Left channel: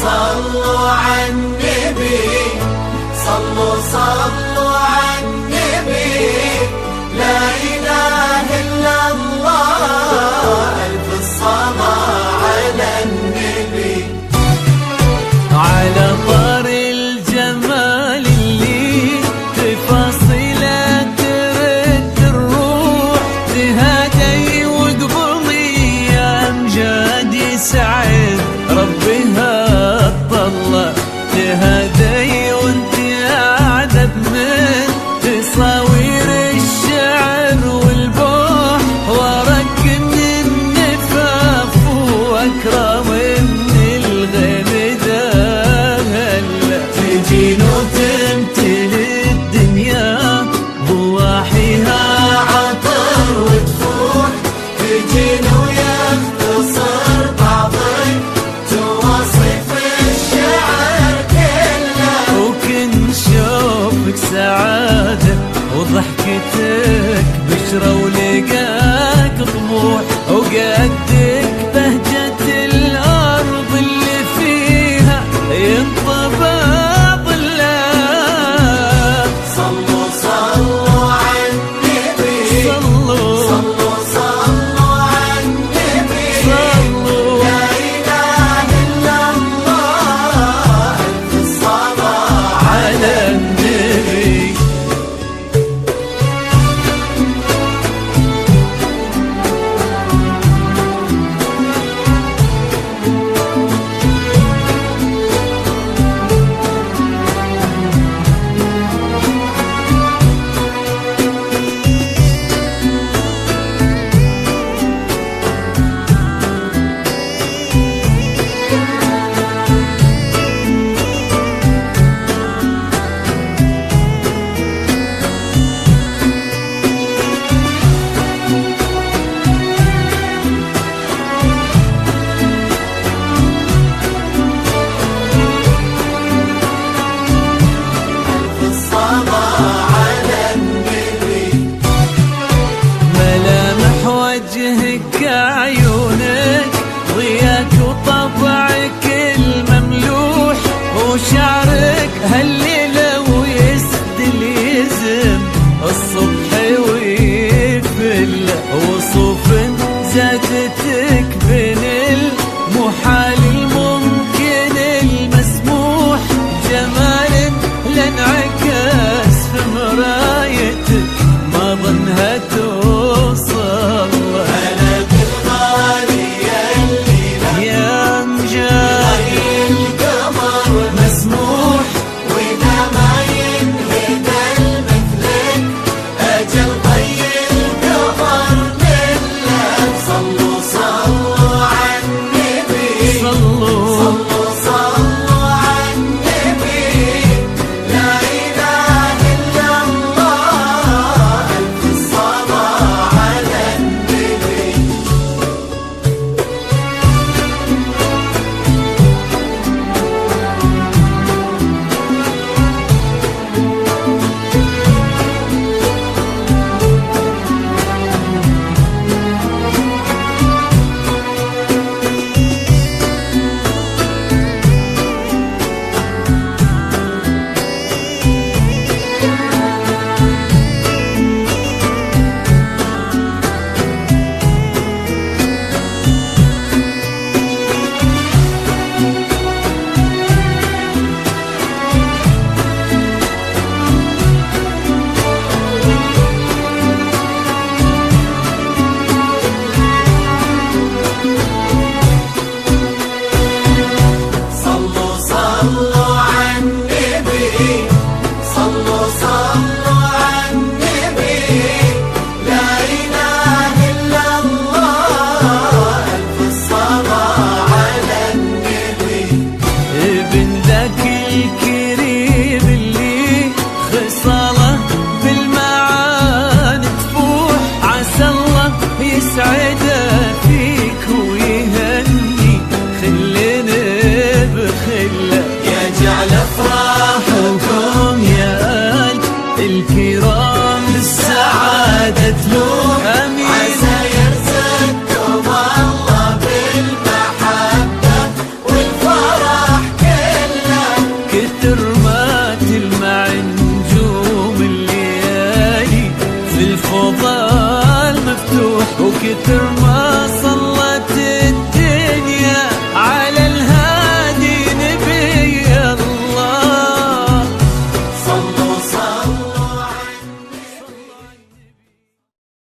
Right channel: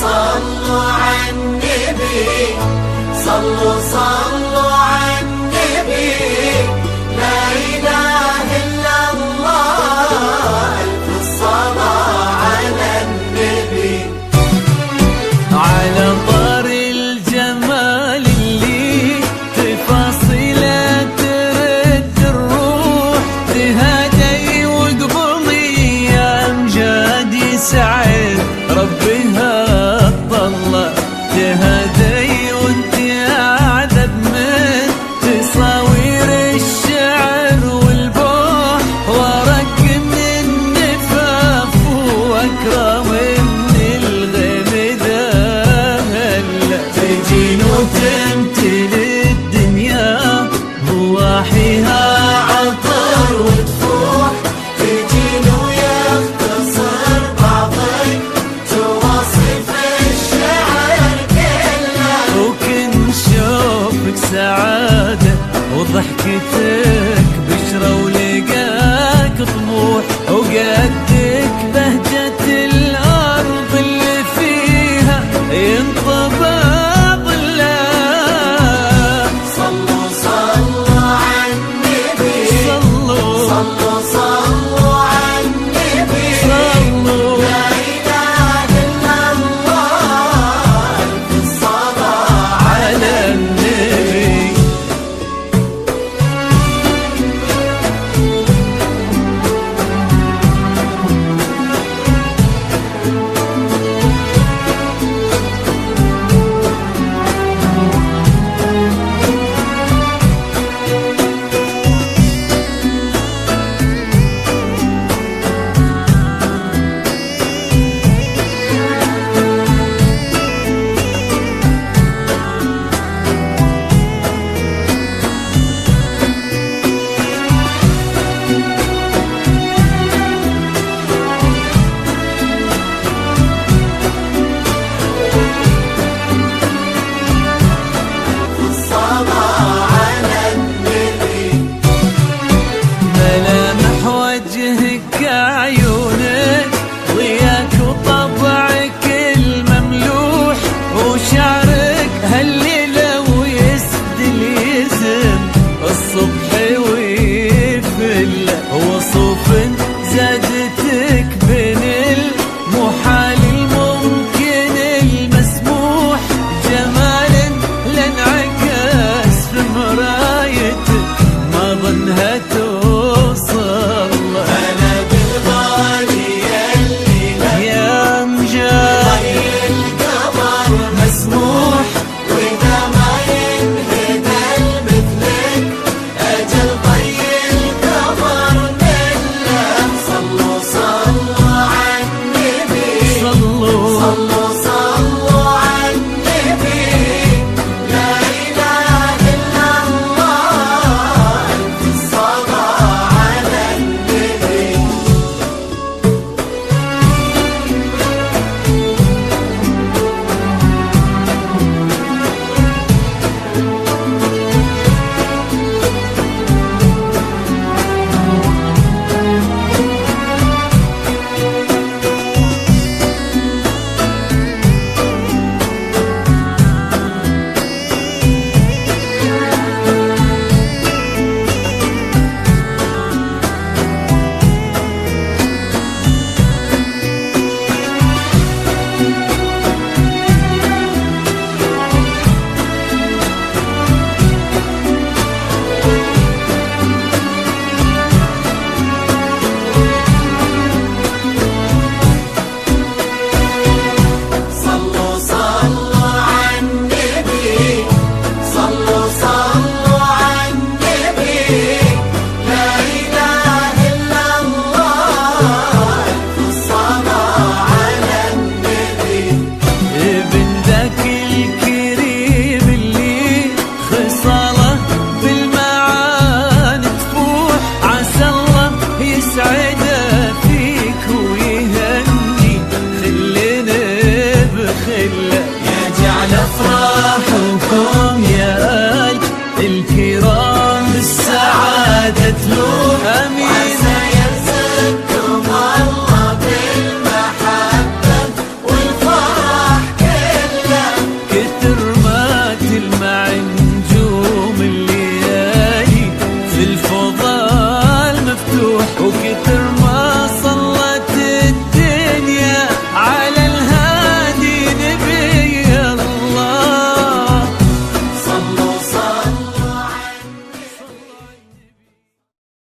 صلوا على النبي، صلوا على النبي، لا إله إلا الله، ألف الصلاة على النبي. على طار الجمال اللي تفاصيله ترد الروح، تهادي وقبلي يا أمجاد يسعد ربها اطلع، تهادي وانت اعذب من تصاوير الشعر والبوح، ورق من النفاف واكرم من الغيم ذهل، تجين وتمتلي الدنيا ضواحيها عطر وتفوح، تجين ويختصر بعض تواصف الشعر كله، وكن شوفك سعادة وضحكتك بشرة ولقاك طموح، وقدك بهجة الأرض اللي فيها ينطبع ظلها. صلوا على النبي، صلوا على النبي، صلوا لا إله إلا الله، ألف الصلاة على النبي. ملامح وجهك عيونك ضياك وطبعك المملوح، وشعرك هالليلة ويسدل يزم الصبح ويفل، وصوف زادتك بين المحال الممكن المسموح، جمال لانعكس في مرايتك ما ظنها توصل، بلد الغالي اللي يا أمجاد القمر مسموح، وإذا ما ينهب مثلك أجل طي القمر منه. صلوا على النبي، صلوا صلوا على النبي، لا إله إلا الله، ألف الصلاة على النبي. يسعده فيك ويهني خلنا بخله، يجعل افراحكم يا آل الكرام بالسعادة تلوم. امين. يرزقكم الله بالمحبة والفرح كله، كتر ما تلمع نجوم الليالي في الفضاء المفتوح، وكتر